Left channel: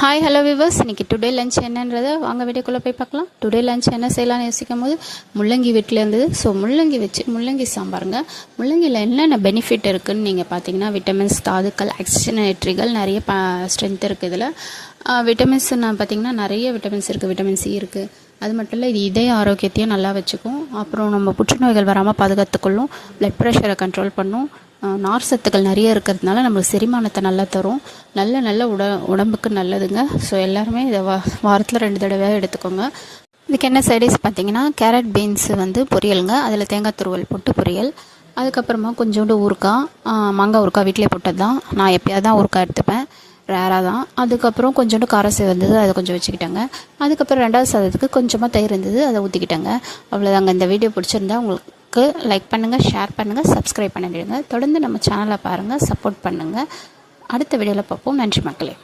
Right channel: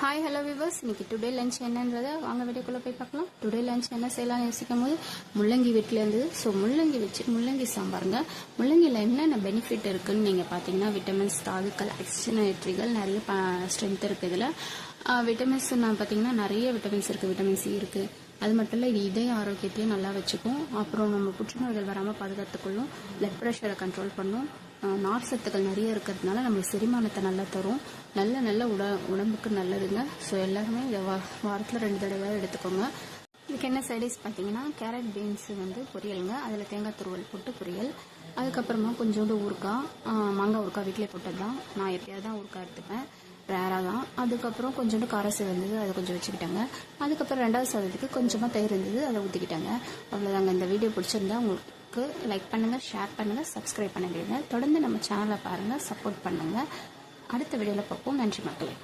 Hi hello viewers, இன்றைக்கி today lunch என்னன்றதை வாங்க வீடியோக்குள்ளே போய் பார்க்கலாம். டுடே லஞ்ச் என்ன செய்யலாம்னு யோசிக்கும் போது முள்ளங்கி வீட்டில் இருந்தது. ஸோ முள்ளங்கி வச்சு முள்ளங்கி சாம்பாருங்க. முள்ளங்கியில் என்னென்ன பெனிஃபிட் இருக்குதுன்னு நீங்கள் பார்த்தீங்கன்னா, விட்டமின்ஸ், தாதுக்கள், ஆக்சிஜனேட்ரிகள் நிறைய ஸ்ட்ரென்த் இருக்குது. இதில் விட்டமின்ஸ் நான் பார்த்தீங்கன்னா நிறைய விட்டமின்ஸ் இருக்குது. விட்டமின் சி இருக்குது. அது மட்டும் இல்லை, இது இதய ஆரோக்கியத்தையும் நல்லா வச்சுக்கும். அப்புறம் நம்ம புற்றுநோய்கள் வராமல் பாதுகாத்துக்கொள்ளும். பிளட் ப்ரெஷரை கண்ட்ரோல் பண்ணும். நார் சத்துக்கள் நிறைய இருக்கிறதுனால நம்மளுக்கு செரிமானத்தை நல்லா தரும். நல்ல உடம்புக்கு நல்லதுங்க. ஸோ எல்லாருமே இதை வாரத்தில் 2 தடவை எடுத்துக்கோங்க. இதுக்கு என்ன சைடிஸ் பார்த்தீங்கன்னா, கேரட் பீன்ஸு வந்து பொரியலுங்க. அதில் தேங்காய் துருவல் போட்டு பொரியல். அதுக்கப்புறமா கொஞ்சோண்டு ஊறுக்காய், மாங்காய் ஊறுக்காய் வீட்டிலே போட்டது தான். நான் எப்போயாவது தான் ஊறுக்காய் எடுத்துப்பேன், ரேராக தான். அதுக்கப்புறம் கொஞ்சோண்டு காரசேவ் வந்தது, அதை கொஞ்சம் வச்சுக்கிட்டேங்க. அதுக்கப்புறம் 2வது சாதத்துக்கு கொஞ்சமாக தயிர் இருந்தது, அதை ஊற்றிக்கிட்டேங்க. அவ்வளோதாங்க. இந்த வீடியோ பிடிச்சிருந்தா உங்களுக்கு லைக் பண்ணுங்கள், ஷேர் பண்ணுங்கள், சப்ஸ்கிரைப் பண்ணிடுங்க. தொடர்ந்து நம்ம சேனலை பாருங்கள், சப்போர்ட் பண்ணுங்கள். அடுத்த வீடியோவில் பார்ப்போம். நன்றி மக்களே.